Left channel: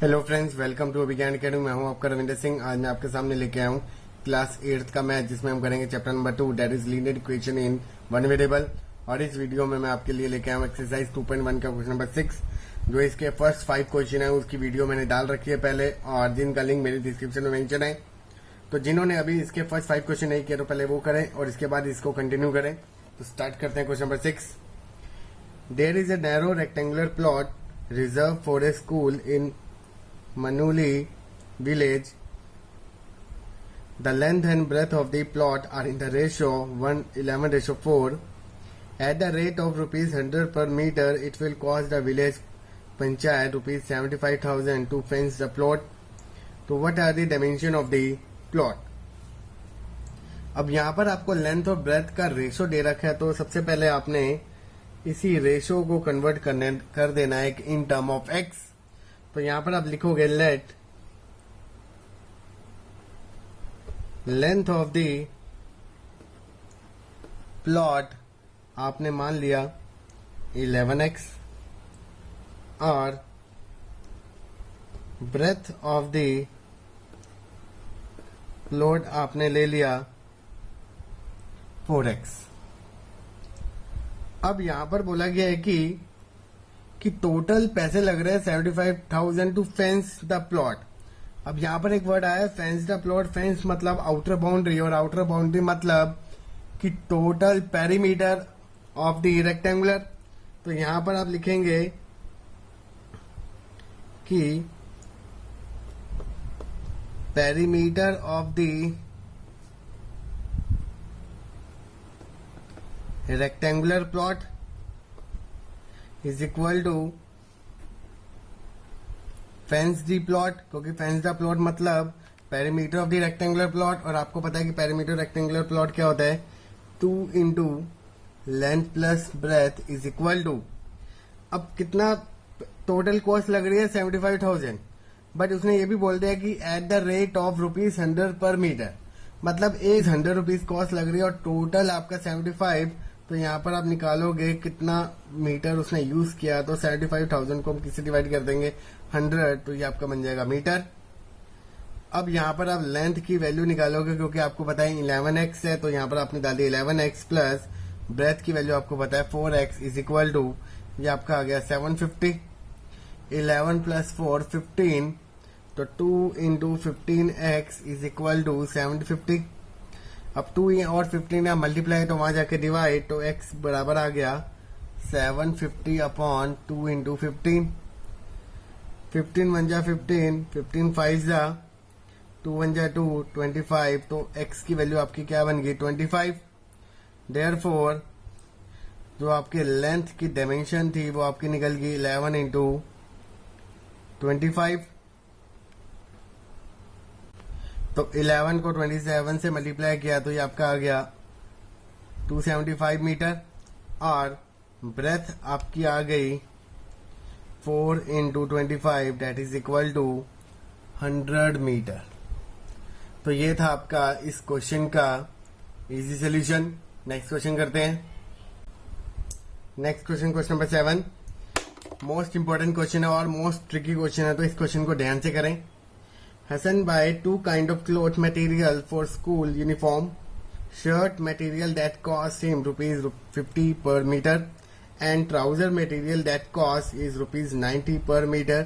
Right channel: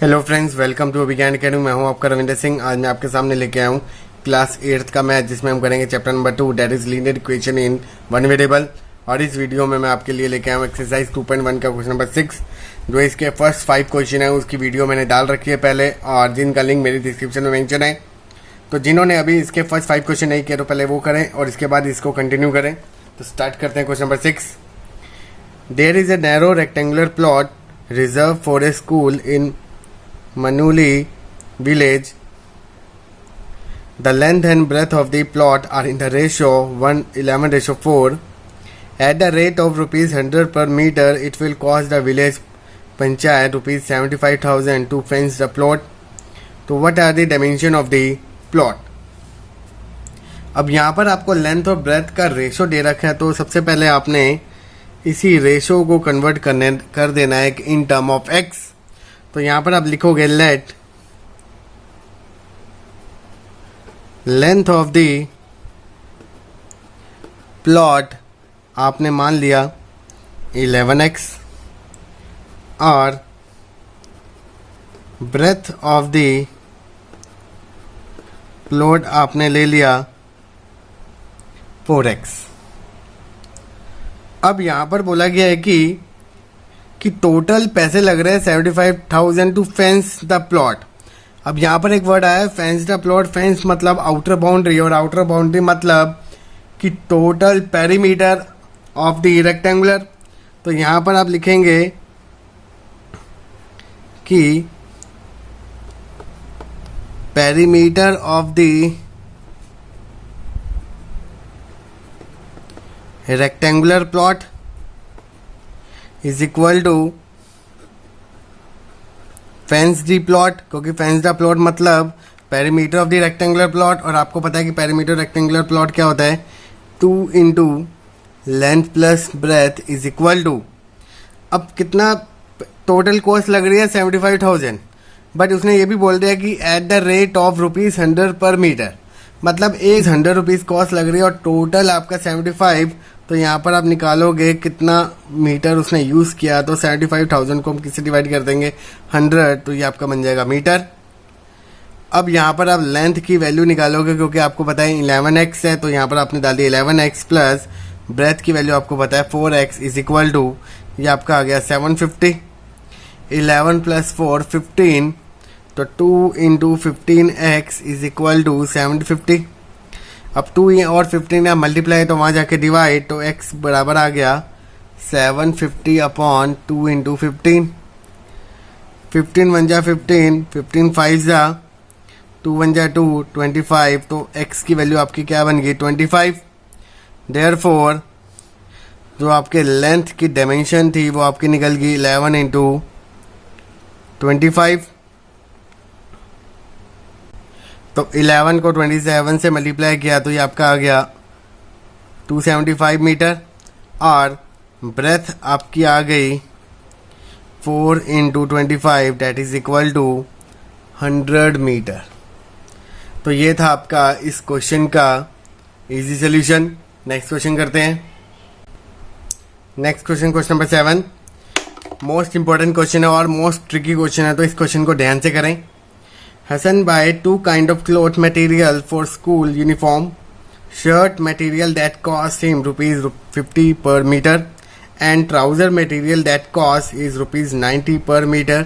Hello friends, welcome to Abhigyan Academy. मैं हूं आपका रविंदर सिंह। आज मैं आपके सामने लेके आया हूं क्लास 8th का मैथ, जिसमें हम करेंगे chapter number 2, that is linear equation in one variable. और इस वीडियो में मैं आपके लिए लेके आया हूं एक्सरसाइज 2.1 का क्वेश्चन नंबर 6। जो इसके फर्स्ट 5 क्वेश्चन है उसकी वीडियो मैंने डाल रखी है पहले, और जिनका लिंक मेरी डिस्क्रिप्शन में मेंशन है। तो जिन्होंने अभी इसके फर्स्ट 5 क्वेश्चन नहीं किए तो पहले वो करें और इसके बाद इसको कंटिन्यू करें। तो स्टार्ट करते हैं question number 6। There is a narrow rectangular plot reserve for a school in Manuli village. The length and breadth of the plot are in the ratio 1:11:4. At the rate of rupees 100 per meter, it will cost the village panchayat rupees 75,000 to fence the plot. तो what are the dimension of the plot? अब यहाँ पर आपको length और breath का ratio दे रखा है, तो सबसे पहले आपने इसी रेशो को कन्वर्ट कर देना है इन टर्म ऑफ एक्स। तो यहां पर आप लिखोगे late length of the plot आपने मान लिया 11x और ब्रेथ ऑफ द प्लॉट आपने ले लिया 4x। अब यहां पर बोला गया है कि टोटल पैसे लग रहे हैं 75,000 टू फेंस द प्लॉट। अब यहाँ पर एक वर्ड आया है फेंस द प्लॉट। फेंस मतलब आउटर बाउंड्री, और आउटर बाउंड्री मतलब कि total perimeter of the rectangular. तो यहाँ पर आप लिखेंगे कि perimeter of the rectangular plot is equal to fence the plot, क्योंकि फेंस द प्लॉट मतलब perimeter of the rectangular plot. और आपको पता है कि पेरीमीटर रेक्टेंगुलर प्लॉट क्या होता है, 2 into length plus breadth is equal to. अब कितना टोटल कॉस्ट लग रही है 75,000, बट उसने ये भी बोल दिया कि at the rate of rupees 100 पर मीटर, मतलब 100 रुपीज कॉस्ट लग रही है और टोटल आपका 75। तो यहाँ पर आप निकालोगे कितना मीटर उसने यूज़ किया, तो 75,000 को हम किससे डिवाइड कर देंगे 100, तो ये आपका बन जाएगा मीटर। अब यहाँ पर आप लेंथ की वैल्यू निकालोगे, क्योंकि आपको पता है 11x है, तो यहाँ पर आपने डाल दिया 11x प्लस ब्रेथ की वैल्यू आपको पता है 4x इज इक्वल टू, ये आपका आ गया 750। 11 प्लस 4 15, तो 2 into 15x is equal to 750। अब 2 और 15 है मल्टीप्लाई, तो वहाँ जाके डिवाइड, तो x बराबर आ गया 750 अपॉन 2 इंटू 15। 15 1 जा 15, 15 5 जा 2 1 जा 2, 25। तो x की वैल्यू आपकी क्या बन गई 25। देयरफॉर जो आपके लेंथ की डायमेंशन थी वो आपकी निकल गई 11 इंटू 25। तो 11 को 27 से मल्टीप्लाई किया तो ये आपका आ गया 275 मीटर, और ब्रेथ आपकी आ गई 4 into 25 that is equal to 100 metre. तो ये था आपका इस क्वेश्चन का इजी सोल्यूशन। नेक्स्ट क्वेश्चन करते हैं। Next question, question number 7, most important question है और मोस्ट ट्रिकी क्वेश्चन है, तो इस क्वेश्चन को ध्यान से करें। Hassan buy 2 kind of cloth material for school uniform. Shirt material that costs him rupees 50 per meter, and trouser material that costs is rupees 90 per meter.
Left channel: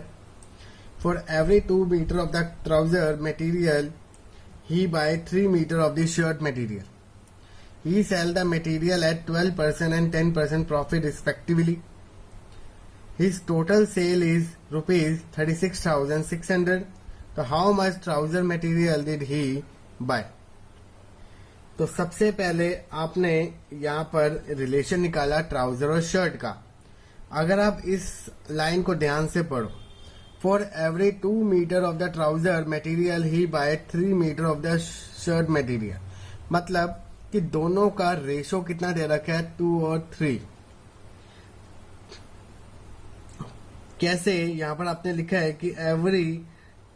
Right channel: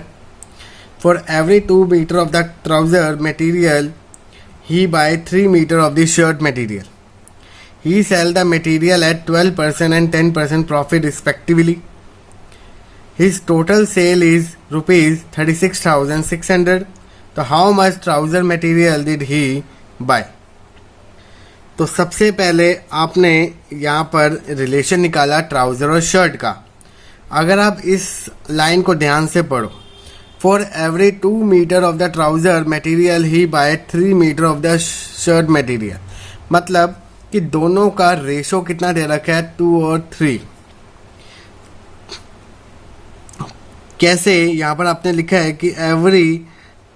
For every 2 meter of the trouser material, he buy 3 meter of the shirt material. He sell the material at 12% and 10% profit respectively. His total sale is rupees 36,600. तो how much trouser material did he buy. तो सबसे पहले आपने यहाँ पर relation निकाला trouser और shirt का। अगर आप इस लाइन को ध्यान से पढ़ो, for every 2 metre of the trouser material he buy 3 metre of the shirt material, मतलब कि दोनों का रेशो कितना दे रखा है 2 और 3। कैसे, यहाँ पर आपने लिखा है कि एवरी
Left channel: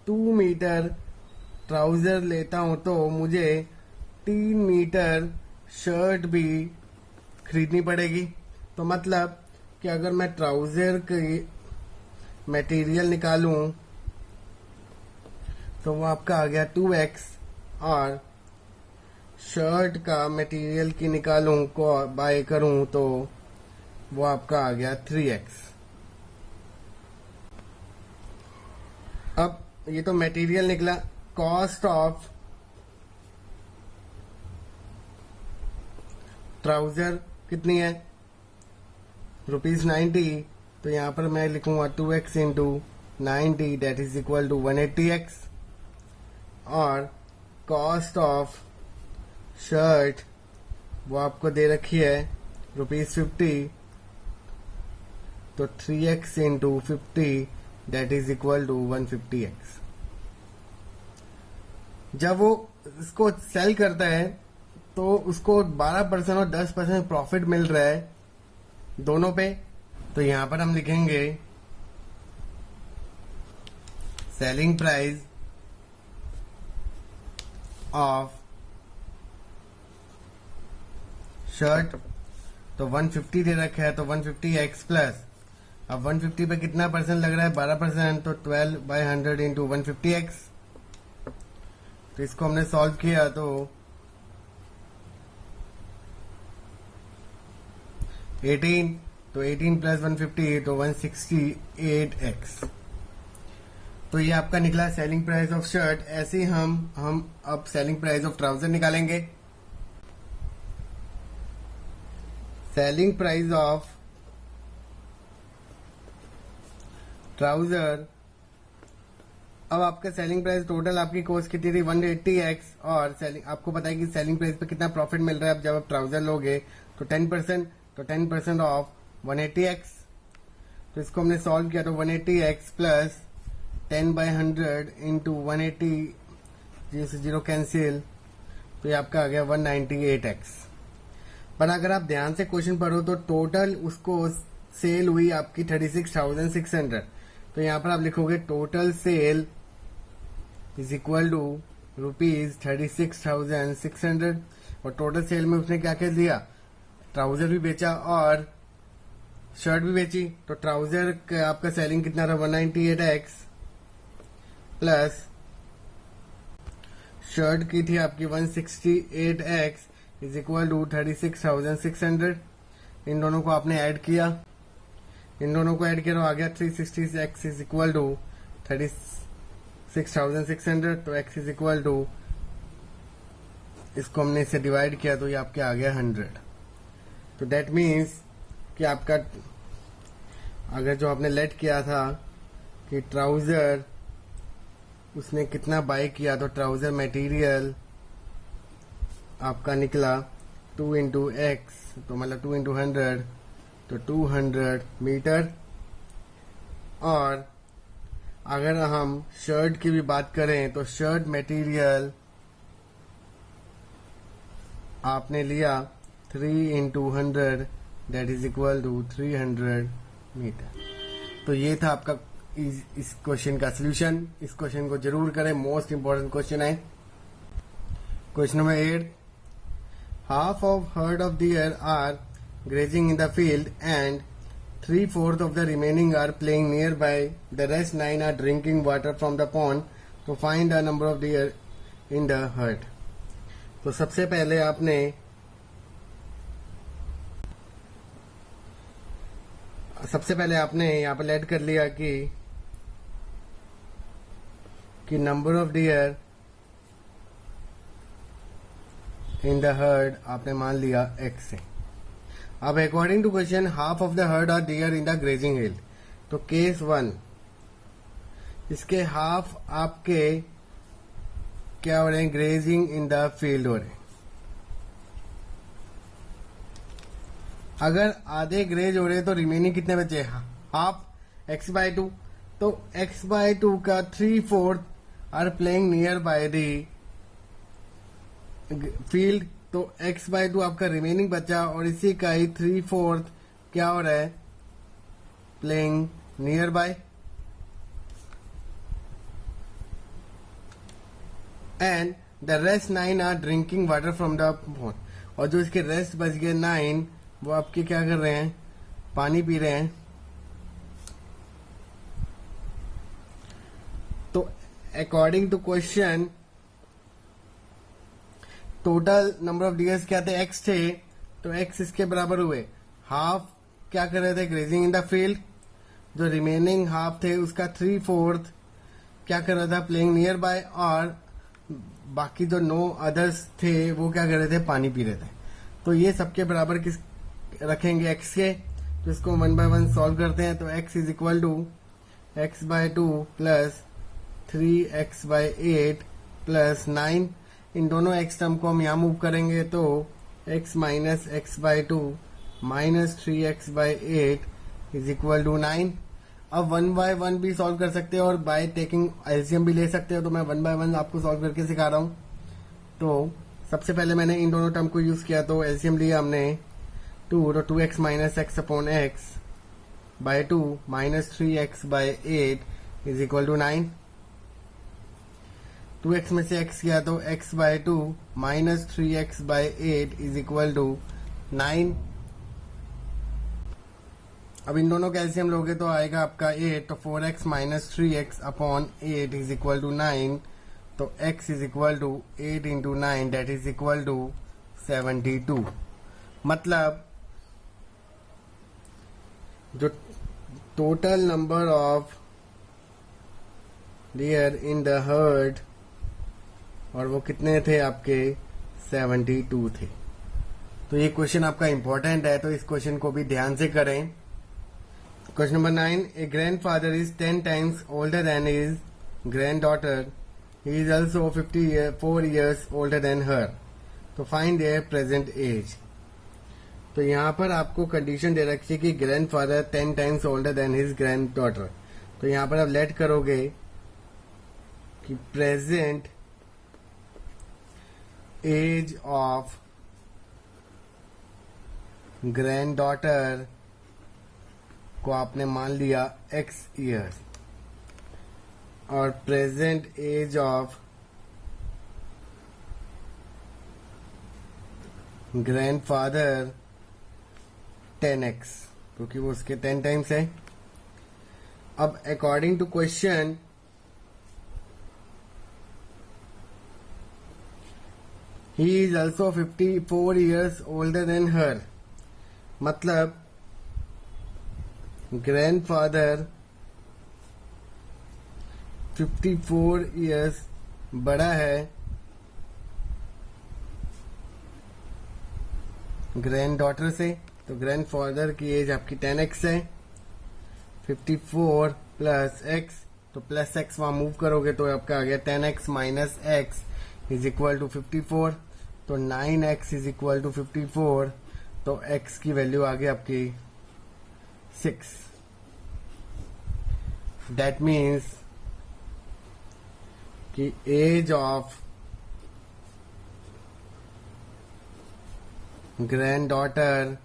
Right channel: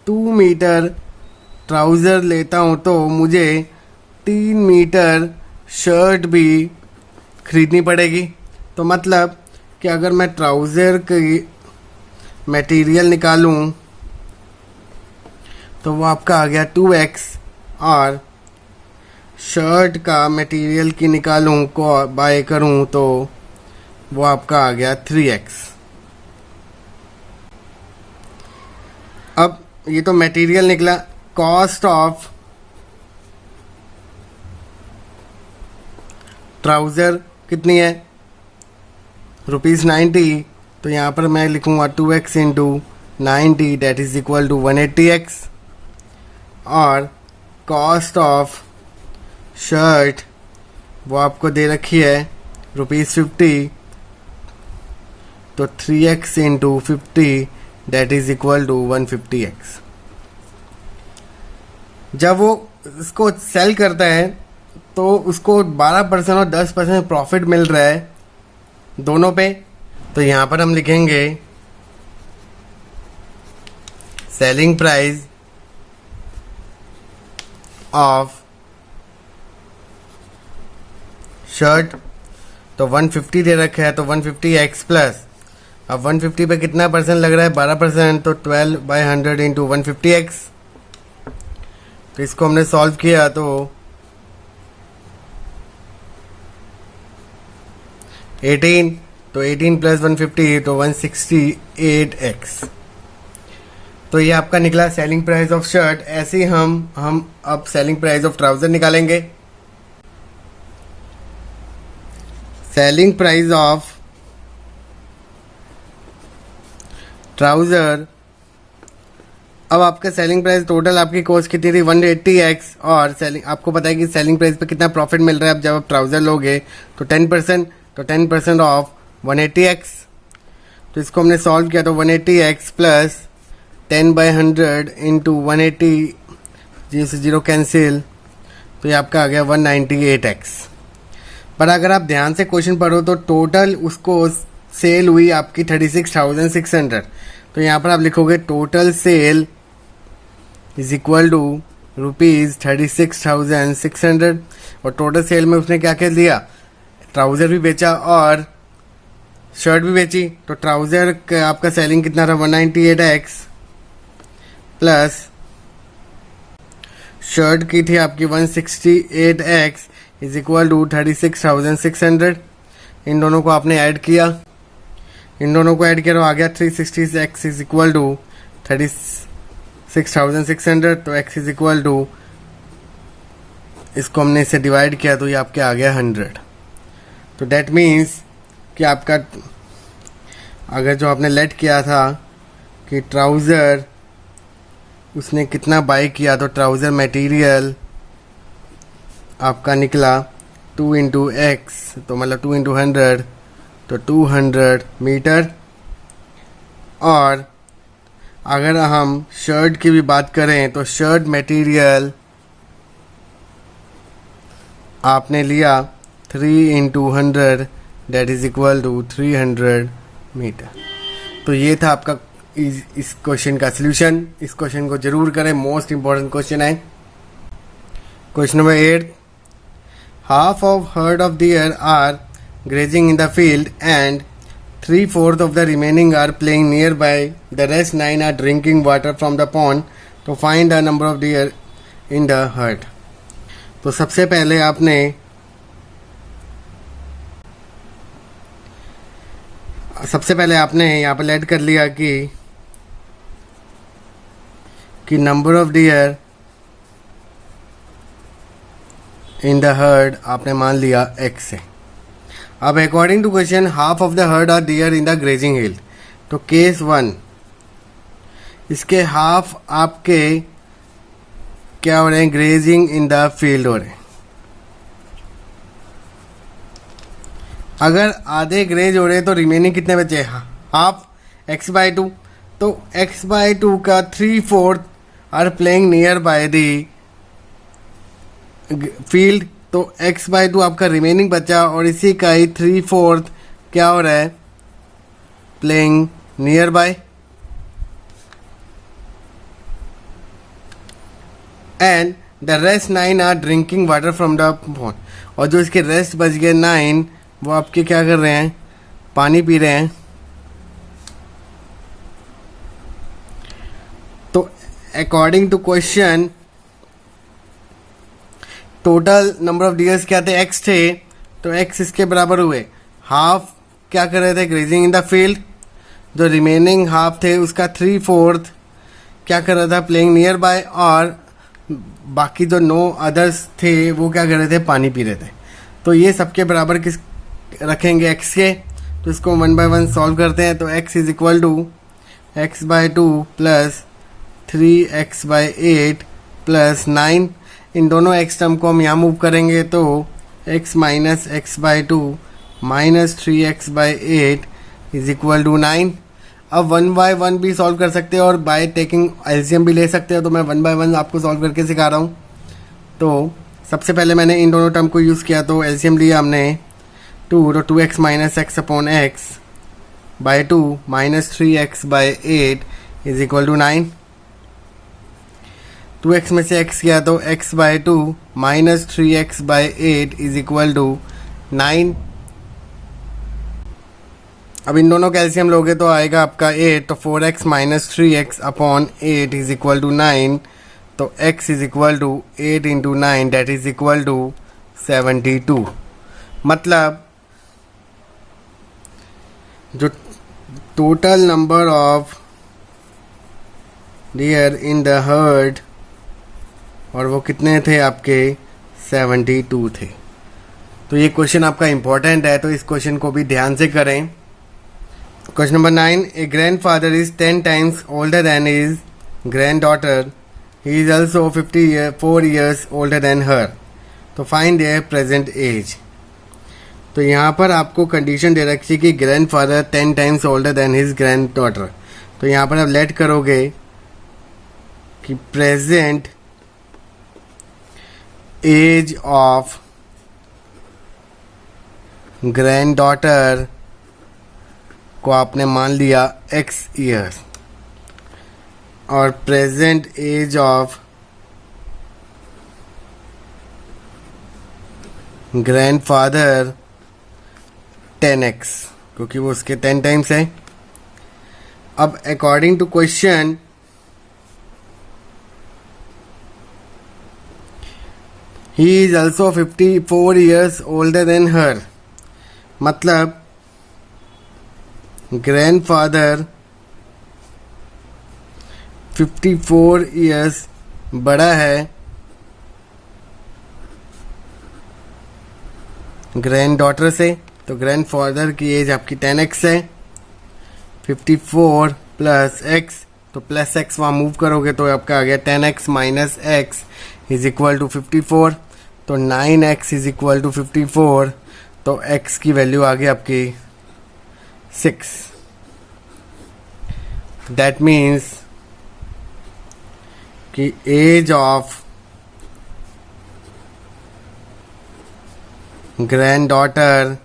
2 मीटर ट्राउज़र लेता हूँ तो मुझे 3 मीटर शर्ट भी खरीदनी पड़ेगी। तो मतलब कि अगर मैं ट्राउज़र की मटेरियल निकालूं तो वो आपका आ गया 2x, और शर्ट का मटेरियल की निकालूं को बाय करूं तो वो आपका आ गया 3x। अब ये तो मटेरियल निकला। कॉस्ट ऑफ ट्राउज़र कितनी है, ₹90। तो यहाँ पर मैं लिखूँगा 2x into 90 that is equal to 180x। और कॉस्ट ऑफ शर्ट वो आपको दे रखी है ₹50, तो 3x into 50 that is equal to 150x। जब वो इसको सेल करता है तो उसको 12% और 10% प्रॉफिट मिल रहा है दोनों पे। तो यहाँ पर हम लिखेंगे सेलिंग प्राइस ऑफ शर्ट, तो 150 दे रखा है, तो 150x प्लस, अब 150 पे कितना परसेंट लग रहा है, 12%, तो 12/100 इंटू 150x। तो इसको हमने सॉल्व किया तो 18, तो 18 प्लस 150 तो 168x। तो ये आपका निकला सेलिंग प्राइस ऑफ शर्ट। ऐसे ही हम अब सेलिंग प्राइस ऑफ ट्राउज़र निकालेंगे। सेलिंग प्राइस ऑफ ट्राउज़र, अब आपका सेलिंग प्राइस टोटल आपकी कॉस्ट कितनी थी 180x, और सेलिंग आपको पता है कि सेलिंग प्राइस पे कितना प्रॉफिट मिल रहा है। अब जब आप ट्राउज़र लोगे तो 10%, तो 10% ऑफ 180x। तो इसको हमने सॉल्व किया तो 180x प्लस 10/100 इंटू 180, 0 से 0 कैंसिल, तो ये आपका आ गया 198x। पर अगर आप ध्यान से क्वेश्चन पढ़ो तो टोटल उसको सेल हुई आपकी 36,600। तो यहाँ पर आप लिखोगे total sale is equal to ₹36,600। और टोटल सेल में उसने क्या क्या दिया, ट्राउज़र भी बेचा और शर्ट भी बेची। तो ट्राउज़र का आपका सेलिंग कितना था 198x, प्लस शर्ट की थी आपकी 168x इज इक्वल टू 36,600। इन दोनों को आपने ऐड किया, इन दोनों को ऐड किया तो आ गया 360x इज इक्वल टू 36,600। तो x इज इक्वल टू, इसको हमने इसे डिवाइड किया तो ये आपके आ गया 100। तो डेट मीन्स कि आपका अगर जो आपने लेट किया था कि ट्राउज़र उसने कितना बाई किया, तो ट्राउज़र मटेरियल आपका निकला 2 इंटू एक्स, तो मतलब 2 इंटू 100, तो 200 मीटर। और अगर हम शर्ट की भी बात करें तो शर्ट मटेरियल आपने लिया 3 into 100 that is equal to 300 metre. तो ये था आपका इस क्वेश्चन का सलूशन। इस क्वेश्चन को जरूर करें, मोस्ट इंपॉर्टेंट क्वेश्चन है। Question number 8, half of herd of deer are grazing in the field and 3/4 of the remaining are playing nearby. The rest 9 are drinking water from the pond. To find the number of deer in the herd. तो सबसे पहले आपने यहाँ पर add कर लिया कि number of deer in the herd आपने मान लिया x से। अब according to question half of the herd are deer in the grazing hill, तो केस 1 इसके हाफ आपके क्या हो रहे हैं, ग्रेजिंग इन द फील्ड हो रहे हैं। अगर आधे ग्रेज हो रहे हैं तो रिमेनिंग कितने बचे, हाफ x/2। तो x/2 का 3/4 are playing near by the field, तो x/2 आपका रिमेनिंग बचा और इसी का ही 3/4 क्या हो रहा है, playing near by. And the rest 9 are drinking water from the pond. और जो इसके रेस्ट बच गए 9 वो आपके क्या कर रहे हैं, पानी पी रहे हैं। तो according to question total number of deers क्या थे, एक्स थे, तो एक्स इसके बराबर हुए। हाफ क्या कर रहे थे, ग्रेजिंग इन द फील्ड। जो रिमेनिंग हाफ थे उसका 3/4 क्या कर रहा था, प्लेइंग नियर बाय। और बाकी जो 9 अदर्स थे वो क्या कर रहे थे, पानी पी रहे थे। तो ये सबके बराबर किस रखेंगे, एक्स के। तो इसको 1 by 1 सॉल्व करते हैं। तो x is equal to x/2 plus 3x/8 plus 9। इन दोनों x टर्म को हम यहाँ मूव करेंगे तो x minus x/2 minus 3x/8 is equal to 9। अब 1 by 1 भी सॉल्व कर सकते हैं और बाय टेकिंग एलसीएम भी ले सकते हो। तो मैं 1 by 1 आपको सॉल्व करके सिखा रहा हूँ। तो सबसे पहले मैंने इन दोनों टर्म को यूज़ किया, तो एलसीएम लिया हमने 2, तो 2x minus x upon x by 2 minus 3x/8 is equal to 9। 2x में से x किया तो x/2 minus 3x/8 is equal to 9। अब इन दोनों कैल्शियम लोगे तो आएगा आपका 8, तो 4x minus 3x upon 8 is equal to 9। तो x is equal to 8 into 9 that is equal to 72। मतलब जो total number of deer in the herd, और वो कितने थे आपके, 72 थे। तो ये क्वेश्चन आपका इम्पोर्टेंट है, तो इस क्वेश्चन को भी ध्यान से करें। Question number 9, A grand father is 10 times older than his granddaughter. He is also 4 years older than her. तो फाइंड their present age. तो यहाँ पर आपको कंडीशन दे रखी है कि grand father 10 times older than his granddaughter. तो यहाँ पर आप लेट करोगे कि present age of granddaughter को आपने मान लिया x ईयर्स, और present age of grandfather 10x, क्योंकि वो उसके 10 टाइम्स है। अब according to question he is also 54 years older than her, मतलब ग्रैंडफादर 54 years बड़ा है ग्रैंड डॉटर से। तो ग्रैंडफादर की एज आपकी 10x है। 54 प्लस x, तो प्लस x वहाँ मूव करोगे तो आपका आ गया 10x minus x is equal to 54। तो 9x इज इक्वल टू 54, तो x की वैल्यू आ गई आपकी 6। दैट मीन्स कि age of granddaughter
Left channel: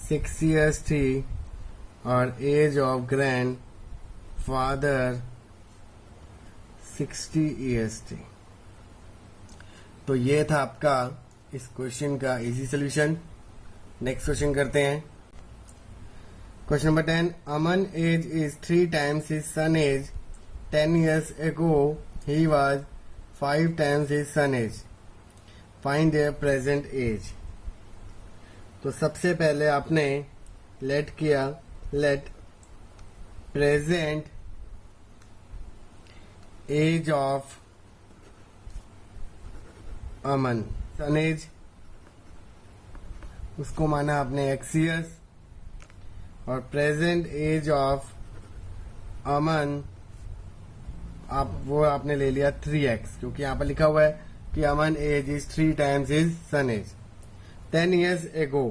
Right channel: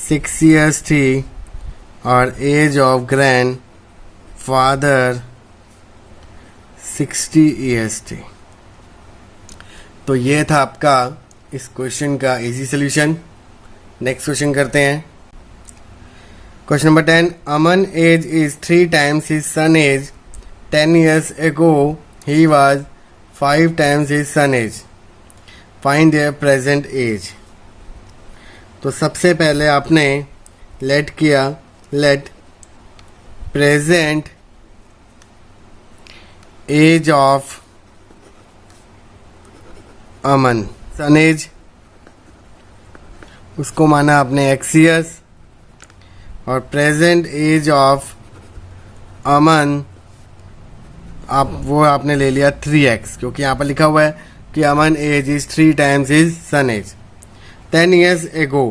6 years थी और age of grandfather 60 years थी। तो ये था आपका इस क्वेश्चन का इजी सोल्यूशन। नेक्स्ट क्वेश्चन करते हैं। Question number 10, Aman age is 3 times his son age. 10 years ago he was 5 times his son age. Find their present age. तो सबसे पहले आपने लेट किया, let present age of Aman, son age, उसको माना आपने x years, और प्रेजेंट एज ऑफ अमन आपने ले लिया 3x, क्योंकि यहाँ पर लिखा हुआ है कि अमन age is 3 times his son age. 10 years ago,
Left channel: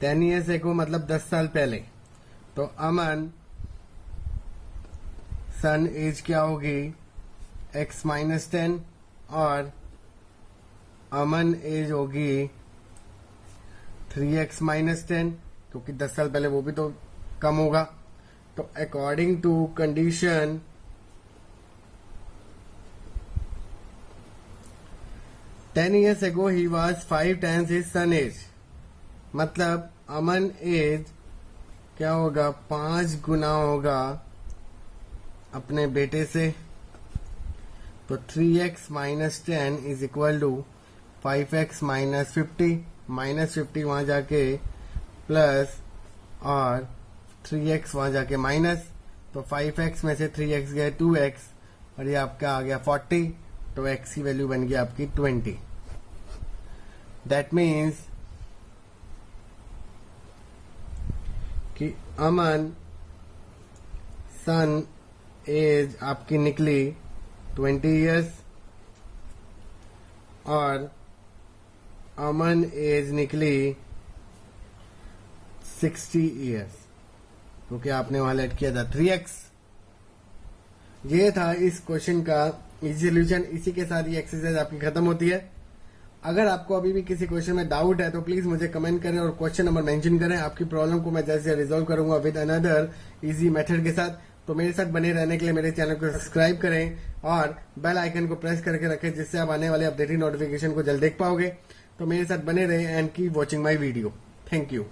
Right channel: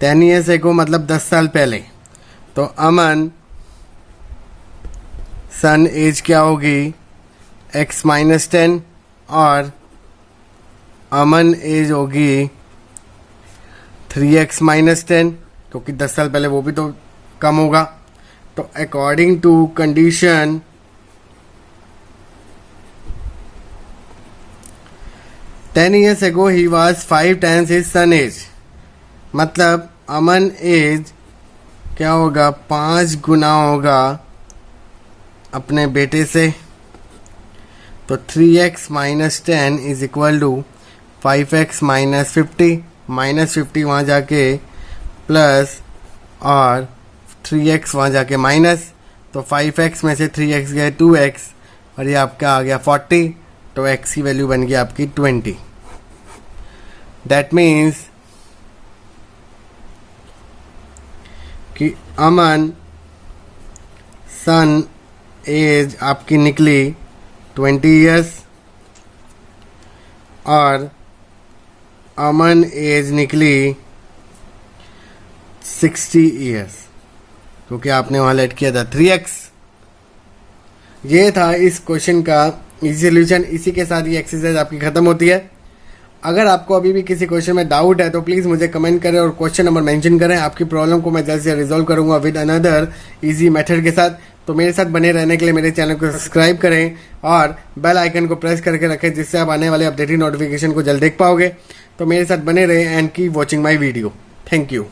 10 years ago मतलब 10 साल पहले। तो अमन सन एज क्या होगी, x माइनस 10, और अमन एज होगी 3x माइनस 10, क्योंकि 10 साल पहले वो भी तो कम होगा। तो according to condition ten years ago he was 5 times his son age, मतलब अमन एज क्या होगा, 5 गुना होगा अपने बेटे से, तो 3x minus 10 is equal to 5x minus 50, minus 50 वहाँ जाके प्लस और 3x वहाँ जाके माइनस, तो 5x में से 3x गए 2x और ये आपका आ गया 40, तो x की वैल्यू बन गई आपकी 20। दैट मीन्स कि अमन सन एज आपकी निकली 20 ईयर्स और अमन एज निकली 60 ईयर्स, क्योंकि आपने वहाँ लेट किया था 3x। ये था इस क्वेश्चन का इजी सोल्यूशन। इसी के साथ ये एक्सरसाइज आपकी ख़त्म होती है। अगर आपको अभी भी किसी क्वेश्चन में डाउट है तो प्लीज़ मुझे कमेंट करें और क्वेश्चन नंबर मेंशन करें। आपकी प्रॉब्लम को मैं जल्द से रिजॉल्व करूंगा विद अनदर इजी मेथड के साथ। तो मेरे साथ बने रहने के लिए मेरे चैनल को सब्सक्राइब करें और बेल आइकन को प्रेस करके रखें, जिससे आप आने वाले अपडेटेड नोटिफिकेशन को जल्द देख पाओगे। तो मेरे साथ बने रहें and keep watching my video. Thank you.